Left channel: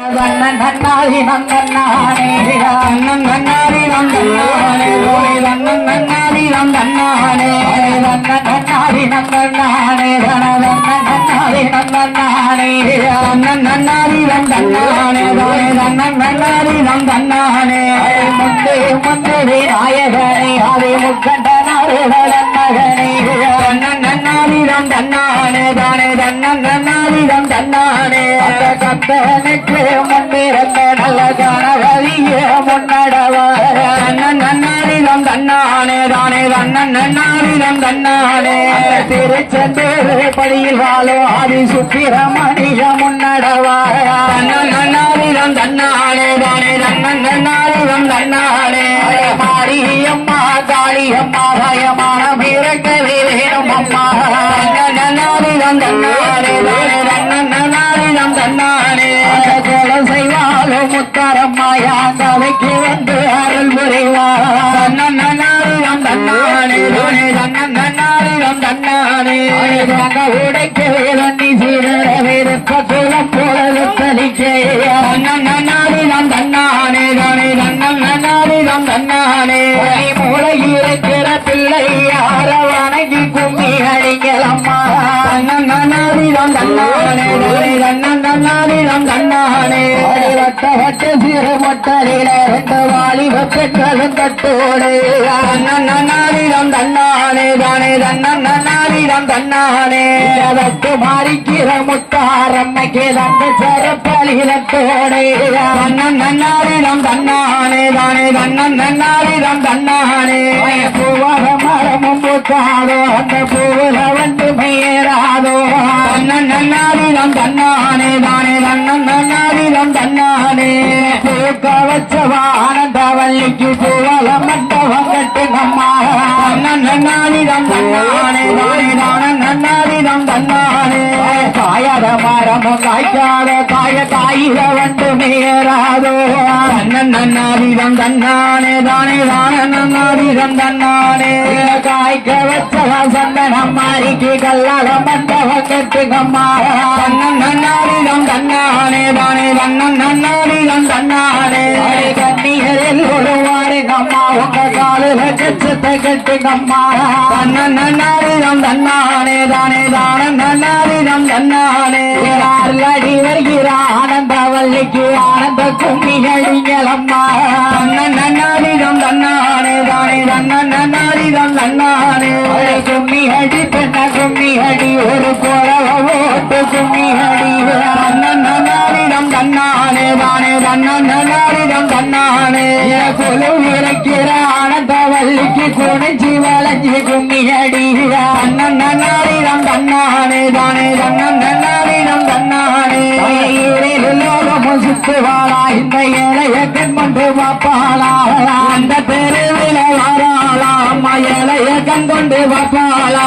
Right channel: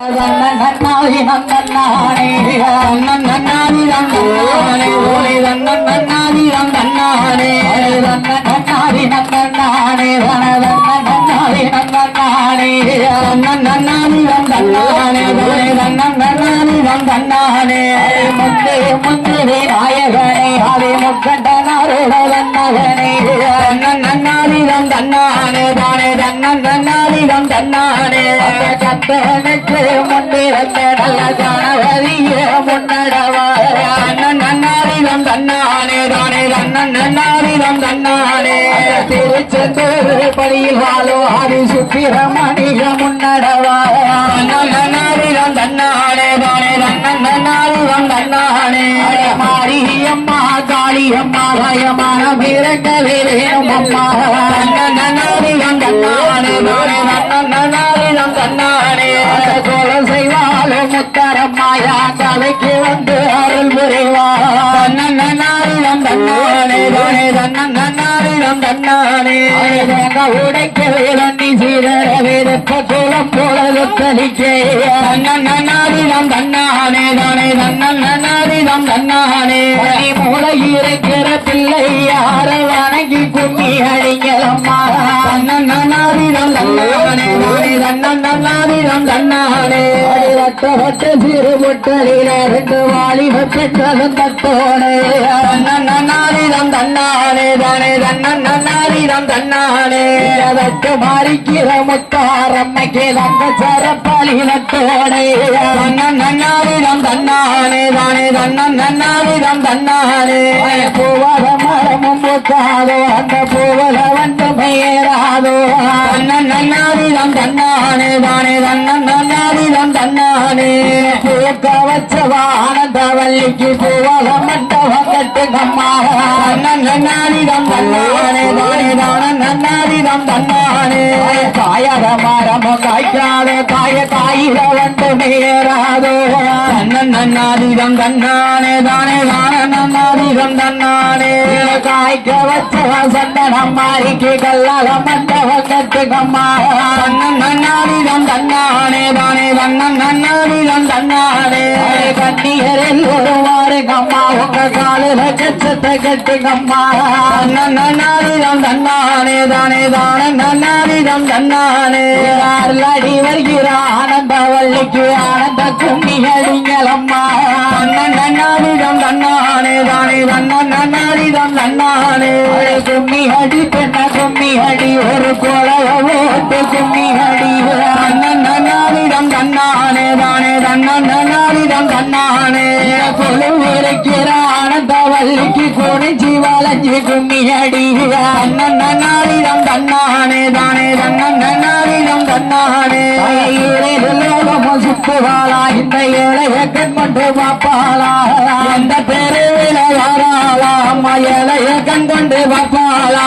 நன்னாரி நன்னாரே நன்னாரி நன்னாரே ஓய் நன்னாரி நன்னாரே நன்னாரி நன்னாரே நன்னாரி நன்னாரே நன்னாரி நன்னாரே ஓய் நன்னாரி நன்னாரே முத்தே முத்தே நாயகனே ஹரி முக்கண்டனாரே நன்னகனே நன்னாரி நன்னாரே தானே நன்னாரி நன்னாரே கத்தனுக்கு முன்னிருந்த நல்ல ஜானவரிய முன்னடவா நன்னாரிடம் தன்னானே தானே நன்னாரிடம் தன்னானே திருச்செந்தூர் படியில் வாழும் ஆதி சுப்பிரமணிய முன்னடவா நன்னாரிடம் தன்னானே தானே நன்னாரிடம் தன்னானே மாரியம்மா காளியம்மா லயமான பிறக்கவே நன்னாரிடம் தன்னானே நன்னாரிடம் தன்னானே செய்வாலும் முத்தாரம்மாயா தலைக்கு வந்து அருள் புரிவா நன்னாரிடம் தன்னானே நன்னாரிடம் தன்னானே உடைக்க வேலி சீரர விருப்ப குளம் பொழுது கலிக்க நன்னாரிடம் தன்னானே நன்னாரிடம் தன்னானே மூளை இருக்கிற பிள்ளை யார வணங்கி கும்மி அடிங்களம்மா நன்னாரிடம் தன்னானே நன்னாரிடம் தன்னானே வட்ட வட்ட சீர பொட்டலில ரெண்டு வாலிப பெற்றலும் தட்டோடே நன்னாரிடம் தன்னானே தானே நன்னாரிடம் தன்னானே அதற்கு மாறிக்கிற முத்தாரம்மைக்கு தந்த சரப்பலினத்தோடே நன்னாரிடம் தன்னானே தானே நன்னாரிடம் தன்னானே பூவர மரமும் பூத்தாதோ அந்த பூவல வந்து மேராதோ நன்னாரிடம் தன்னானே தானே நன்னாரிடம் தன்னானே பூக்க வச்சவா ஆனந்தவல்லிக்கு பூவலம் மண்டபம் கட்டு நம்மா நன்னாரிடம் தன்னானே தானே நன்னாரிடம் தன்னானே காயர மரமும் காய்க்காத காய காயிர வந்து மேராதோ நன்னாரிடம் தன்னானே தானே நன்னாரிடம் தன்னானே காய்க்க வச்சவா சந்தனம் மாறிக்கு கல்லாலம் மண்டபம் கட்டு நம்மா நன்னாரிடம் தன்னானே தானே நன்னாரிடம் தன்னானே கண்ணியரில் ஒருவாறு கம்மா உங்க காலில கச்சத்தை கட்டு கம்மா நன்னாரிடம் தன்னானே தானே நன்னாரிடம் தன்னானே அடி வருகிற ஆனந்தவல்லிக்கு ஆனந்த கும்மி அடிங்களம்மா நன்னாரிடம் தன்னானே தானே நன்னாரிடம் தன்னானே கும்மி அடி பெண்ண கும்மி அடி ஒரு குழவ ஓட்டு கும்மி அடி நன்னாரிடம் தன்னானே தானே நன்னாரிடம் தன்னானே கொலுவிருக்கிற ஆனந்தவல்லிக்கு குடிஞ்சி வளைஞ்சி கும்மி அடி நன்னாரிடம் தன்னானே தானே நன்னாரிடம் தன்னானே சுத்துவாளா இந்த இளைய கண்மண்டு பாப்பாளா அந்த தெருவில வராளா அம்மா இளைய கண் கொண்டு பாப்பாளா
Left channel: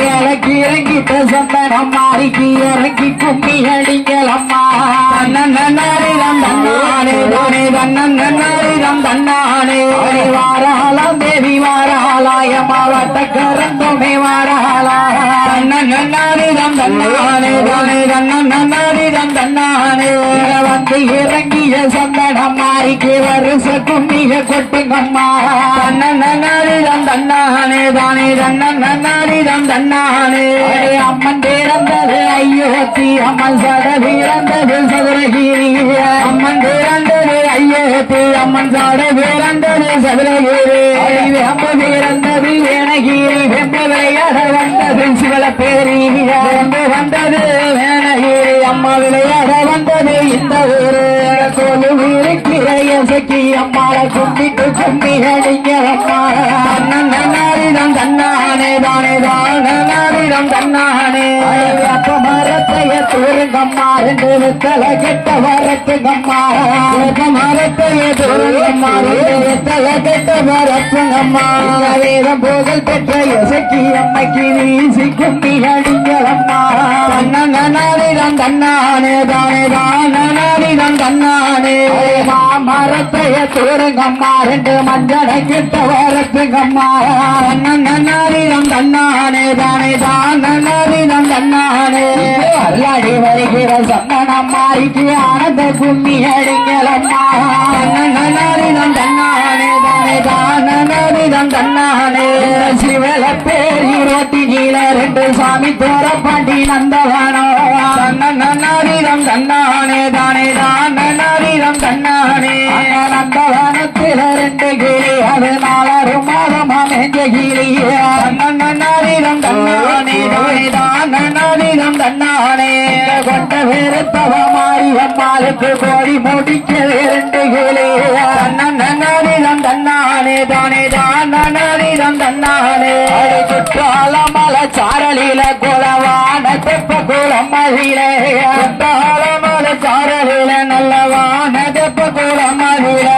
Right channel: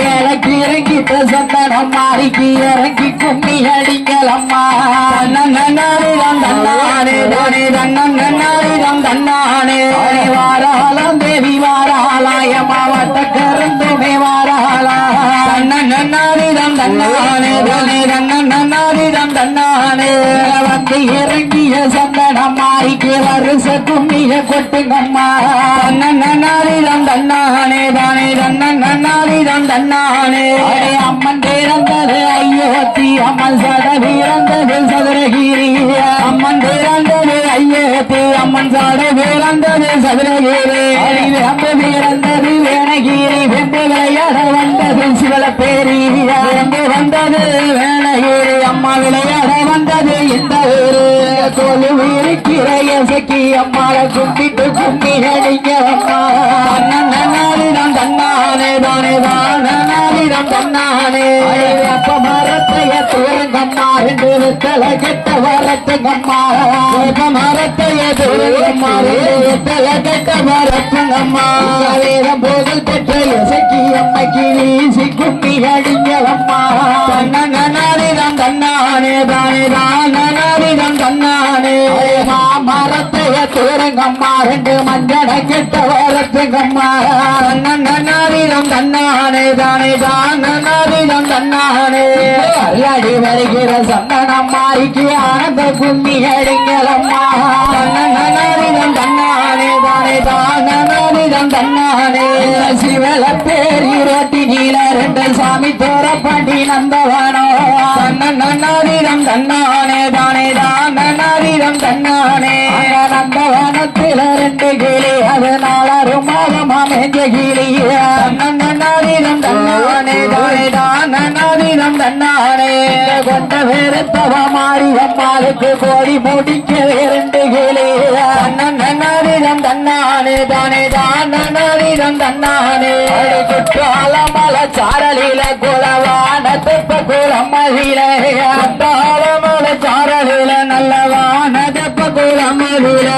இறக்கி இறங்கிட்டு சந்தனம் மாறிக்கு இறங்கி கும்மி அடிங்களம்மா நன்னாரிடம் தன்னானே தானே நன்னாரிடம் தன்னானே வாராளாம் தேவி வாராளாய மாவட்ட கருந்துமே வாராளா நன்னாரிடம் தன்னானே தானே நன்னாரிடம் தன்னானே வந்து இறங்கிய சந்தனம் மாறிக்கு வருஷ கும்மிய கொட்டுங்கம்மா நன்னாரிடம் தன்னானே தானே நன்னாரிடம் தன்னானே அம்மன் பிறந்தது ஐயோத்தி அம்மன் சட பிறந்தது சதுரகிரி அம்மன் பிறந்தது ஐயோத்தி அம்மன் சட பிறந்தது சதுரகிரி அம்ம பிறந்தது வேணகிரி வென்று விளையாக வந்தது சிவலப்பேரி வென்று வந்தது வேணகிரி அம்மா விளையாக வந்தது இந்த ஊரு கொலுவிருக்கிற இசைக்கு அம்மாள கும்பிட்டு கும்பி அடிங்க அம்மா நன்னாரிடம் தன்னானே தானே நன்னாரிடம் தன்னானே அப்ப மரத்தைய தூரங்கம்மா ரெண்டு வித்தல கெட்ட வரத்துங்கம்மா மரத்தைய தூரங்கம்மா ரெண்டு வித்தல கெட்ட வரத்துங்கம்மா வேதம் போதல் பெற்ற இசைக்கு அம்மைக்கு வீசி கும்பி அடிங்க அம்மா நன்னாரிடம் தன்னானே தானே நன்னாரிடம் தன்னானே மரத்தைய தூரங்கம்மா ரெண்டு மஞ்சள கெட்ட வரத்துங்கம்மா நன்னாரிடம் தன்னானே தானே நன்னாரிடம் தன்னானே அல்லாடி வருகிற சந்தனம்மா மாறிக்கு ஆனந்த கும்மி அடிங்களம்மா நன்னரிதம் தன்னானே தானே தானரிதம் தன்னானே சிவல பேரி ரோட்டி கீழ ரெண்டு சாமி தோற பாண்டி நந்தவானோ நன்னரிதம் தன்னானே தானே தானரிதம் தன்னானே நந்தவானத்தில் ரெண்டு கிளி அதனால மாதமா மேஞ்ச கிளிய நன்னரிதம் தன்னானே தானே தானரிதம் தன்னானே கொண்ட வேறுத்தவ மாறி அம்மாளுக்கு கோடி முடிக்க ரெண்டு கிளி நன்னரிதம் தன்னானே தானே தானரிதம் தன்னானே குற்றால மலை சாரலில குலவான தெப்ப குளம் மகிழே மலை சாரலில நல்லவான தெப்ப குளம் மகிழே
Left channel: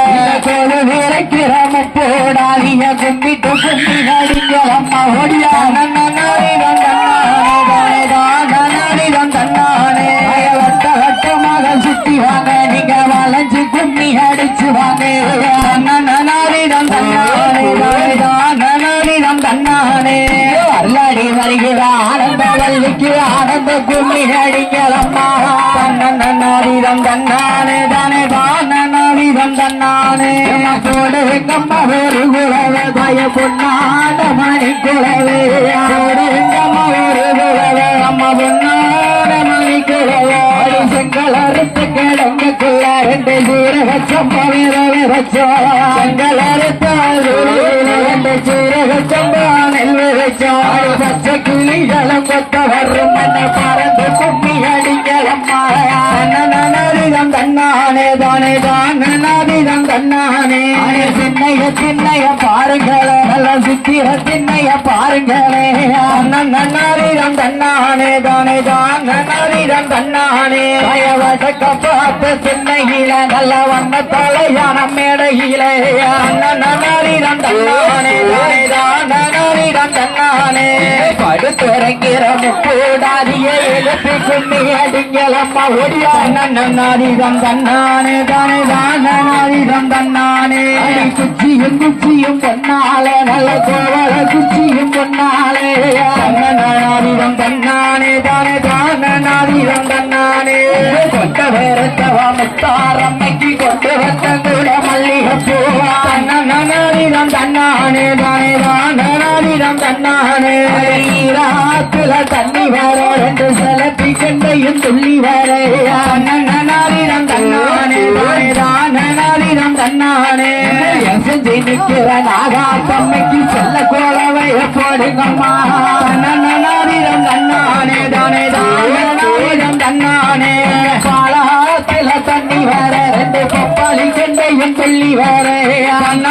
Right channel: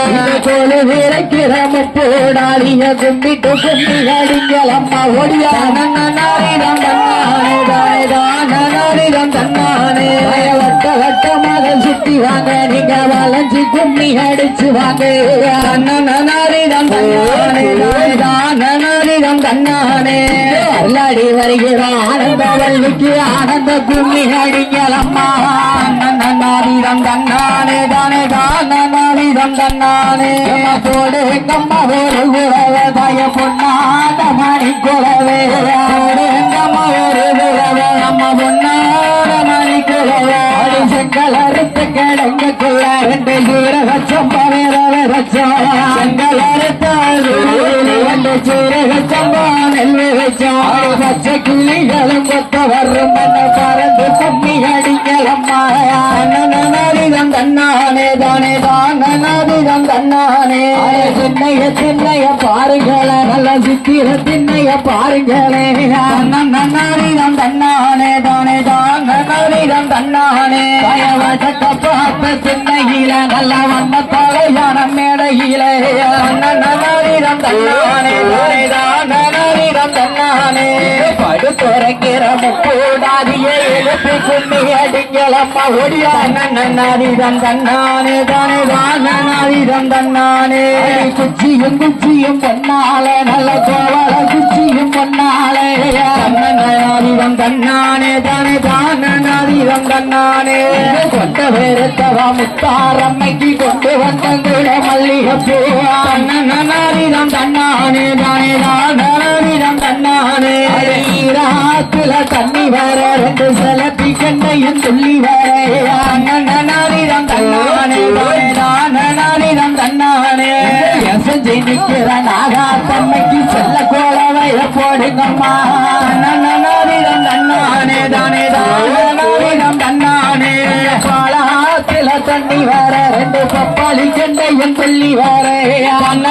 இருக்கிற முட்டோடாலிய கும்பிட்டு கும்பி அடிங்களம்மா ஒடியா நன்னரிதம் தன்னானே தானரிதம் தன்னானே வட்ட வட்டமாக சுத்தி வாங்க நீங்க வளைஞ்சு கும்மி அடிச்சு வாங்க நன்னரிதம் தன்னானே தானரிதம் தன்னானே அல்லாடி வருகிற ஆனந்த வள்ளிக்கு ஆனந்த கும்மி அடிங்களம்மா நன்னரிதம் தன்னானே தானே தானரிதம் தன்னானே தோடு எங்கம்மா ஒரு குறவை தாய பொன்னாத மணி குறவே எங்கம்மா ஒரு குறவே அம்மா பொன்னாத மணி குறவே செங்கல் அறுத்து கிழங்குக்குள்ள ரெண்டு சீரக சம்பா வேறவே வச்சோ செங்கல் அறுத்தால் ரெண்டு சீரக சம்பா நெல்லு வச்சோ பச்சை கிளிகளும் கொத்த வரும் என்ன பறந்து கும்மி அடிங்களம்மா நன்னரிதம் தன்னானே தானே தானரிதம் தன்னானே சின்னைய பாருங்களே நல்ல சித்திர சின்னைய பாருங்களே நன்னரிதம் தன்னானே தானே தானரிதம் தன்னானே கப்பாப்ப சின்னையில நல்ல வம்ம தலையான மேடையிலே நன்னரிதம் தன்னானே தானே தானரிதம் தன்னானே படுத்துறங்கிற முக்கூடாதியை எழுப்பி கும்மி அடிங்களம்மா ஒடியா நன்னரிதம் தன்னானே தானே தானரிதம் தன்னானே குச்சியும் பொன்னாலே நல்ல கோவல குச்சியும் பொன்னாலே நன்னரிதம் தன்னானே தானே தானரிதம் தன்னானே கொண்ட வேறுத்தவ முத்தாரம்மைக்கு கொண்டு வந்தங்குட மல்லிகைப்பூ நன்னரிதம் தன்னானே தானே தானரிதம் தன்னானே ஈராத்துல தண்ணி வேற ரெண்டு செலப்பி கண்ணையும் துள்ளி வேற நன்னரிதம் தன்னானே தானே தானரிதம் தன்னானே எசஞ்சி நிற்கிற நாகா தன்மைக்கு செல்ல கோலவைய போடுங்கம்மா நன்னரிதம் தன்னானே தானே தானரிதம் தன்னானே காலத்துல தண்ணி வேற ரெண்டு கப்பாளி கண்ணையும் துள்ளி வேற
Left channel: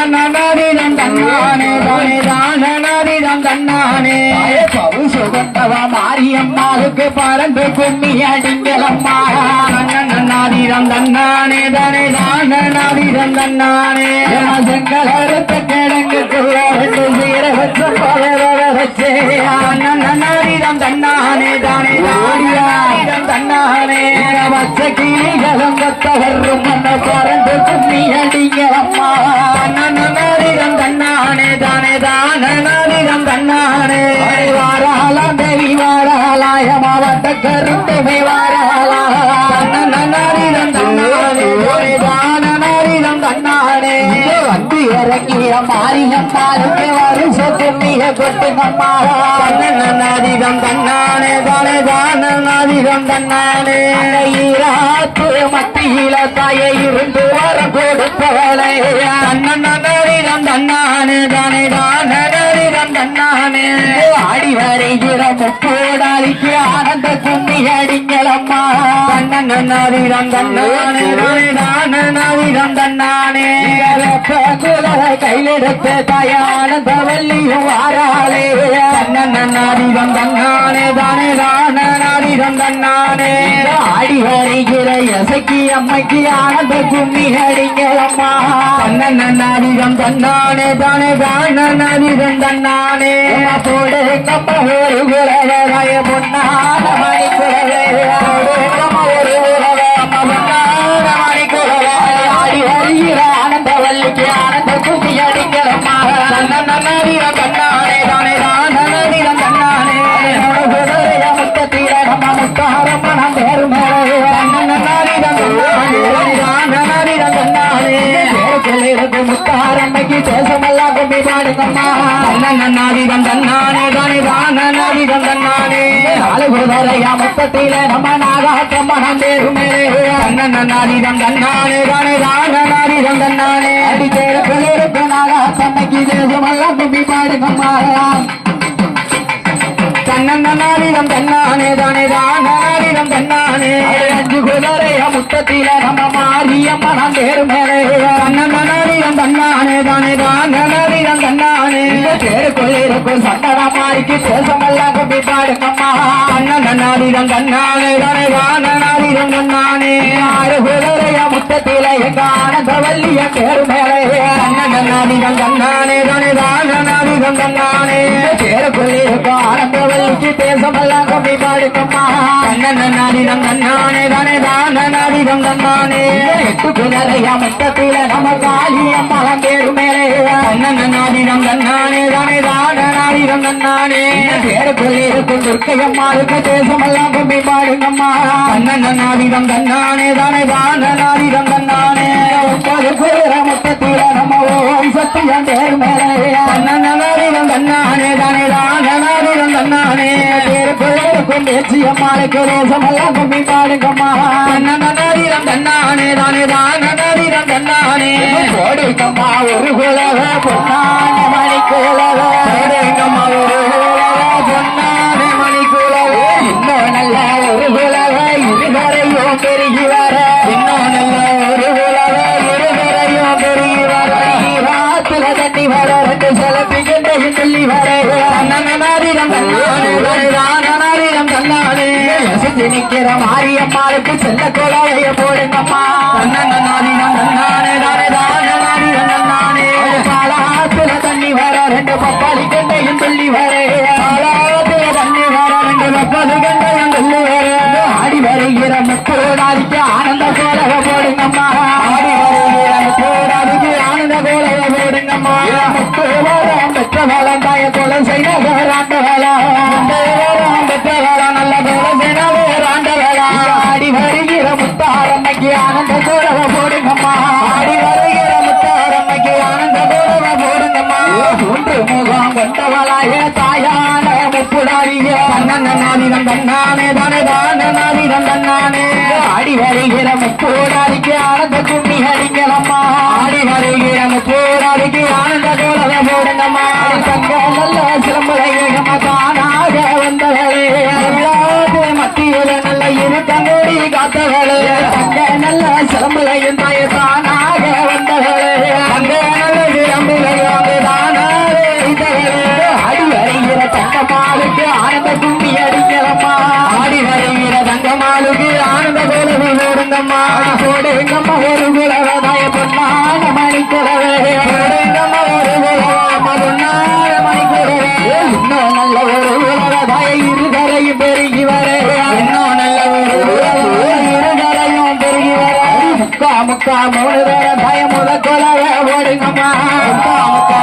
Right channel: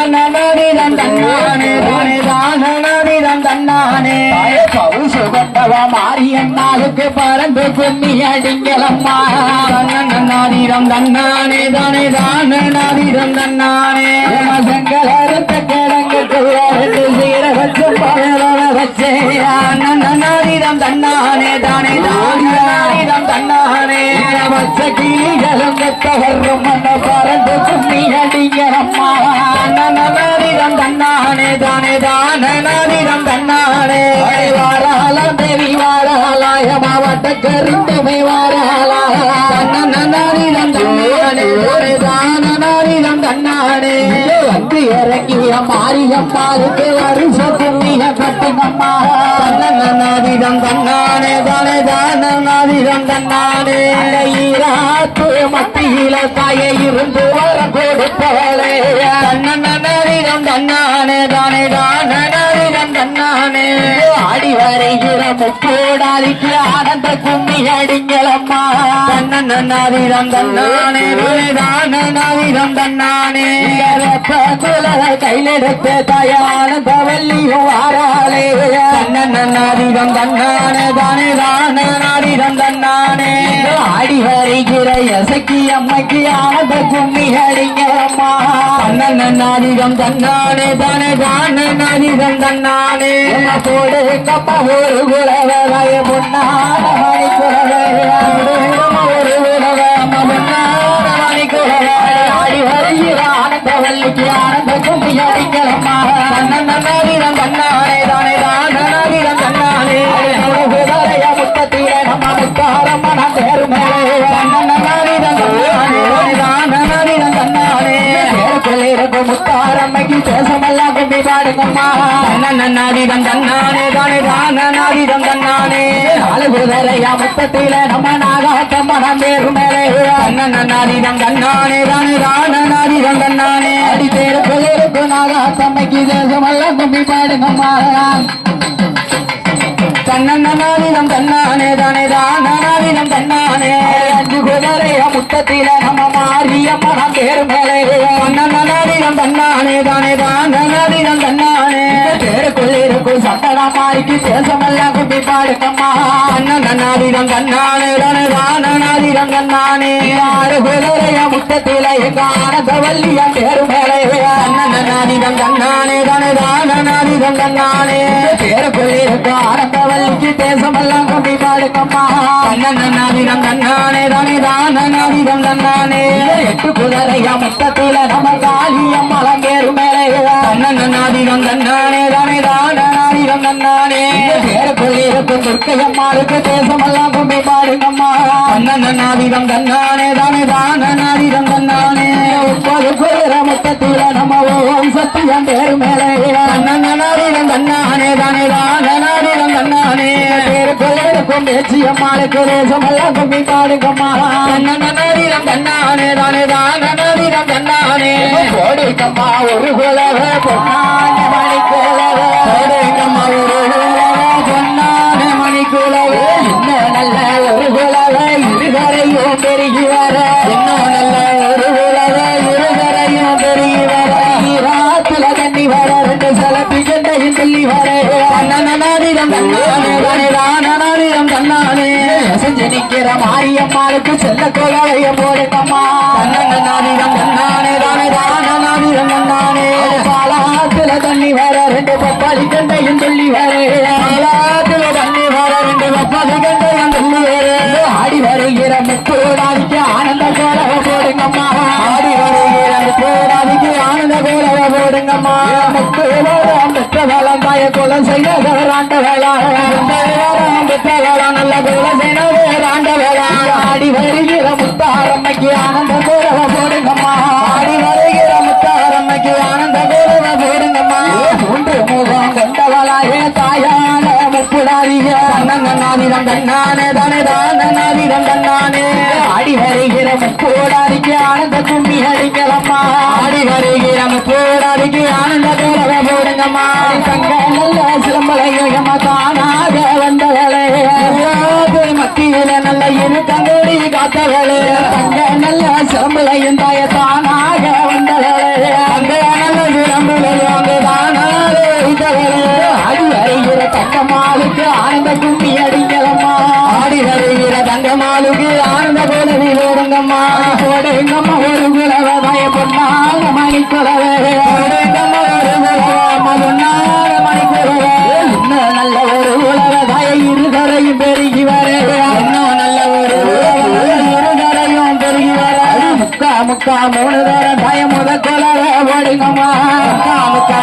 நன்னரிதம் தன்னானே தானே தானரிதம் தன்னானே சுகந்தவ மாரியம்மாவுக்கு பறந்து கும்மி அடிங்களம்மா நன்னரிதம் தன்னானே தானே தானரிதம் தன்னானே செங்கல் அறுத்த கிழங்குக்கு ரெண்டு சீரக வச்சு நன்னரிதம் தன்னானே தானே தானரிதம் தன்னானே வச்ச கிளிகளும் கொத்தவரும் மன்ன பறந்து கும்மி அடிங்களம்மா நன்னரிதம் தன்னானே தானே தானரிதம் தன்னானே வாராலாம் தேவி வாராலாய மாவட்ட கருத்துமை வாராலா நன்னரிதம் தன்னானே தானரிதம் தன்னானே வந்து இறங்கிட மாரியம்மாருக்கு வருஷ தண்ணிய கட்டுங்கம்மா நன்னரிதம் தன்னானே தானே தானரிதம் தன்னானே ஈராத்து மத்தியில தாய இருந்து வர கொடுப்பவளே நன்னரிதம் தன்னானே தானே தானரிதம் தன்னானே ஆடி வருகிற முப்போடாளிக்கு ஆனந்த கும்மி அடிங்களம்மா நன்னரிதம் தன்னானே தானே தானரிதம் தன்னானே கையெடுத்து தயானந்த வள்ளியும் வாராளே நன்னரிதம் தன்னானே தானே தானரிதம் தன்னானே ஆடி வருகிற எசக்கி அம்மைக்கு ஆனந்த கும்மி அடிங்களம்மா நன்னரிதம் தன்னானே தானே தானரிதம் தன்னானே போடு கப்ப ஒரு குலவராய பொன்னான மணி குலவே ஒரு குலவே பொன்னான மணி குலவே ஆடி வருகிற ஆனந்த வள்ளிக்கு ஆனந்த கும்மி அடிங்களம்மா நன்னரிதம் தன்னானே தானே தானரிதம் தன்னானே முத்தத்தீர நம்ம முத்தாரம்மன பேரு மேலே முத்தாரம்மைக்கு தேசமெல்லாம் கும்பி பாடுங்கம்மா நன்னாதிகம் தன்னானே தானே நானாதிகம் தன்னானே அழுகுதுரையா மொத்தத்தில நம்ம நாகாட்டம்மா பேரு மேலே நன்னாதிகம் தன்னானே தானே நானாதிகம் தன்னானே அடிக்கேருக்கு நாகாட்டம்மைக்கு தேசமெல்லாம் கும்பி பாடுங்கம்மா தன்னன்னாதிகம் தன்னானே தானே நானாதிகம் தன்னானே அஞ்சு குதிரையா முத்தத்தில நம்ம மாரியம்மா பேரு மேலே நன்னாதிகம் தன்னானே தானே நானாதிகம் தன்னானே பேருக்குள்ளிருக்கும் சட்டராமாய்க்கு தேசமெல்லாம் கும்பி பாடுங்கம்மா நன்னாதிகம் தன்னானே தானே நானாதிகம் தன்னானே ஆறு குதிரையா முத்தத்தில எங்க ஆனந்தவல்லிய பேரு மேலே நன்னாதிகம் தன்னானே தானே நானாதிகம் தன்னானே பேருக்குள்ளிருக்கும் ஆனந்தவல்லிக்கு தேசமெல்லாம் கும்பி பாடுங்கம்மா நன்னாதிகம் தன்னானே தானே நானாதிகம் தன்னானே எட்டு குதிரையா மொத்தத்தில நம்ம காளியம்மா பேரு மேலே நன்னாதிகம் தன்னானே தானே நானாதிகம் தன்னானே பேருக்குள்ளிருக்கும் துர்க்கையம்மாளுக்கு தேசமெல்லாம் கும்பி பாடுங்கம்மா நன்னாதிகம் தன்னானே தானே நானாதிகம் தன்னானே மொத்தத்தில நம்ம ஓம் சத்தியம் பேரு மேலே நன்னாதிகம் தன்னானே தானே நானாதிகம் தன்னானே பேருக்குள்ளிருக்கும் பேச்சியம்மாளுக்கு தேசமெல்லாம் கும்பி பாடுங்கம்மா நன்னாதிகம் தன்னானே தானே நானாதிகம் தன்னானே கோடைக்கம்மா ஒரு குலவே பொன்னான மணி குலவே கோடைக்கம்மா ஒரு பொன்னான மணி குலவே இன்னும் நல்ல ஒரு குலவே இருவரையும் பெருகிவார இன்னும் நல்ல ஒரு குலவே இருவரையும் பெருகிவார ராத்திர தண்ணி வர ரெண்டு சிலப்பிகண்டையும் சொல்லி வர நன்னாதிகம் தன்னானே நானாதிகம் தன்னானே அசைஞ்சு நிக்கிற மாரியம்மாளுக்கு செல்ல குலவைய போடுங்கம்மா நன்னாதிகம் தன்னானே தானே நானாதிகம் தன்னானே சாலாத்துல தண்ணி வர ரெண்டு பப்பாளி கண்டையும் சொல்லி வர சாலாத்துல தண்ணி வர ரெண்டு பப்பாளி கண்டையும் சொல்லி வர ஆடி வருகிற முப்போடாதிக்கு ஆனந்த கோலக போடுங்கம்மா ஆடி வருகிற முப்போடாதிக்கு ஆனந்த கோலக போடுங்கம்மா முப்போடாம் பெற்ற வேலம் தாய கொலை செய்ய வேறாண்ட வேலா பெற்ற வேலா நல்ல கொலை செய்ய வேறாண்ட வேலா ஆடி வருகிற முத்தாரம்மைக்கு ஆனந்த கோலக போடுங்கம்மா ஆடி வருகிற முத்தாரம்மைக்கு ஆனந்த கோலக போடுங்கம்மா மூன்று முகம் கொண்டவளாய தாயான முப்புடாரிய நன்னாதிகம் தன்னானே தானே நானாதிகம் தன்னானே ஆடி வருகிற முப்போடாதிக்கு ஆனந்த கும்மி ஹரிங்கம்மா ஆடி வருகிற முப்போடாதிக்கு ஆனந்த கோலக போடுங்கம்மா தங்க நல்ல சிலம்பலையம்மா தானாக வந்தவளே மத்தியில நல்ல இரு தங்கோடி காத்தவளே தங்க நல்ல சிலம்பலையும் தாய தானாக வந்தவளே தங்க நல்ல சிலம்பலையும் தானாக இதவளே ஆடி வருகிற தங்கம்மாளுக்கு ஆனந்த கும்மி அடிக்கலம்மா ஆடி வருகிற தங்கம்மாளுக்கு ஆனந்த கோலவி ஓடுங்கம்மா போடுங்கம்மா ஒரு குலவதாய பொன்னாக மணி குலவே போடுங்கம்மா ஒரு குலவ பொன்னாக மணி குலவே இன்னும் நல்ல ஒரு குலவதாய இருகரையும் பெருகி வர இன்னும் நல்ல ஒரு இருகரையும் பெருகி வர முக்கா மூணு தர தாய முத குலவே ஓடுங்கம்மா முக்கா